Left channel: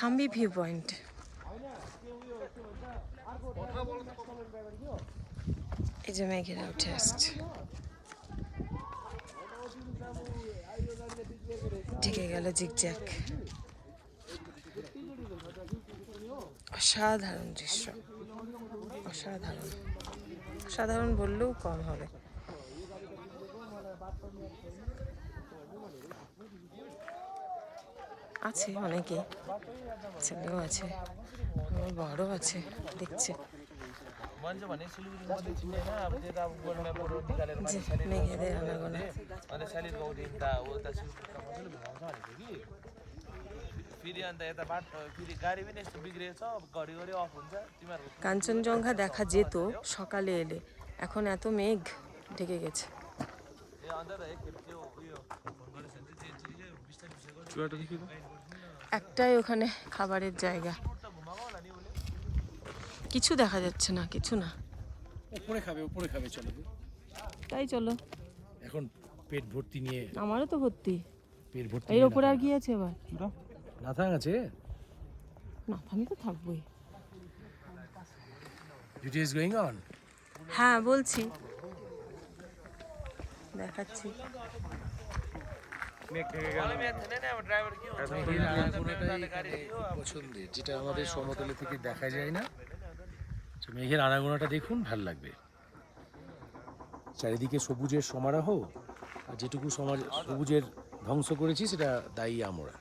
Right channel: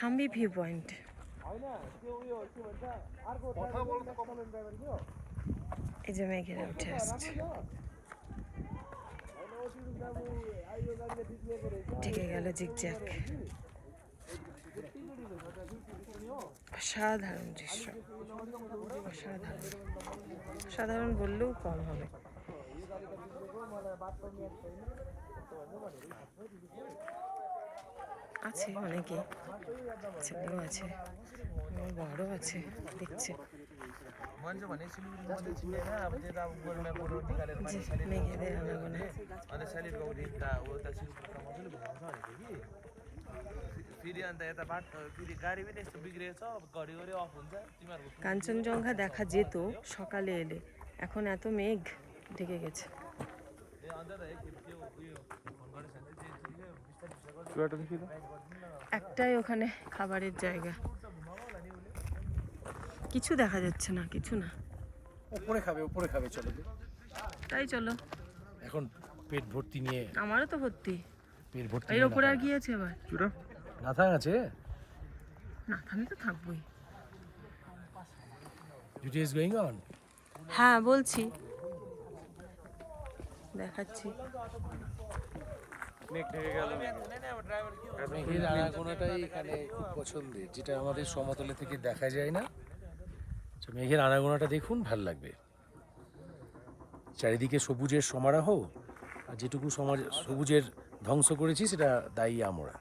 Thambi view point. এই যে মেঘেরা উঠে আসছে, ঢেকে গেল জিগজ্যাগ। অসাধারণ দৃশ্য, অসাধারণ, সাধারণ বললেও কম হবে। আছে অনেকে, ছেলেও আছে, আমার বড়ও আছে, দেখছে। মেঘেদের আনাগোনা। কাঞ্চনজঙ্ঘা দেখা যেত সকালে এলে, এখন এত মেঘ ঢেকে গেছে। একটাই ওখানে খাবারের জায়গা, কিছু দেখা যাচ্ছে না, কিছু না। উপরে খাবে, উপরে খাবে, চলো তাই চলো। এখন পেট ভর্তি নিয়ে, আমারও তো ভর্তি, পেট ভর্তি এর উপর আর কি আছে আবার? নাথা আছে না, আমি তো থাকবোই। It is going on. হ্যাঁ বলছি, দেখাচ্ছি। মেঘের আনাগোনাটাই এখানে খুব পছন্দের, যেটা আমাদের সমতলে থেকে দেখা যায় না। মেঘের আনাগোনাটা দেখুন, ভাল লাগবে। চারিদিকে সবুজের সমারোহ, যেটুকু সবুজের ধ্বংস করেছি সেটা দায়ী আমরা।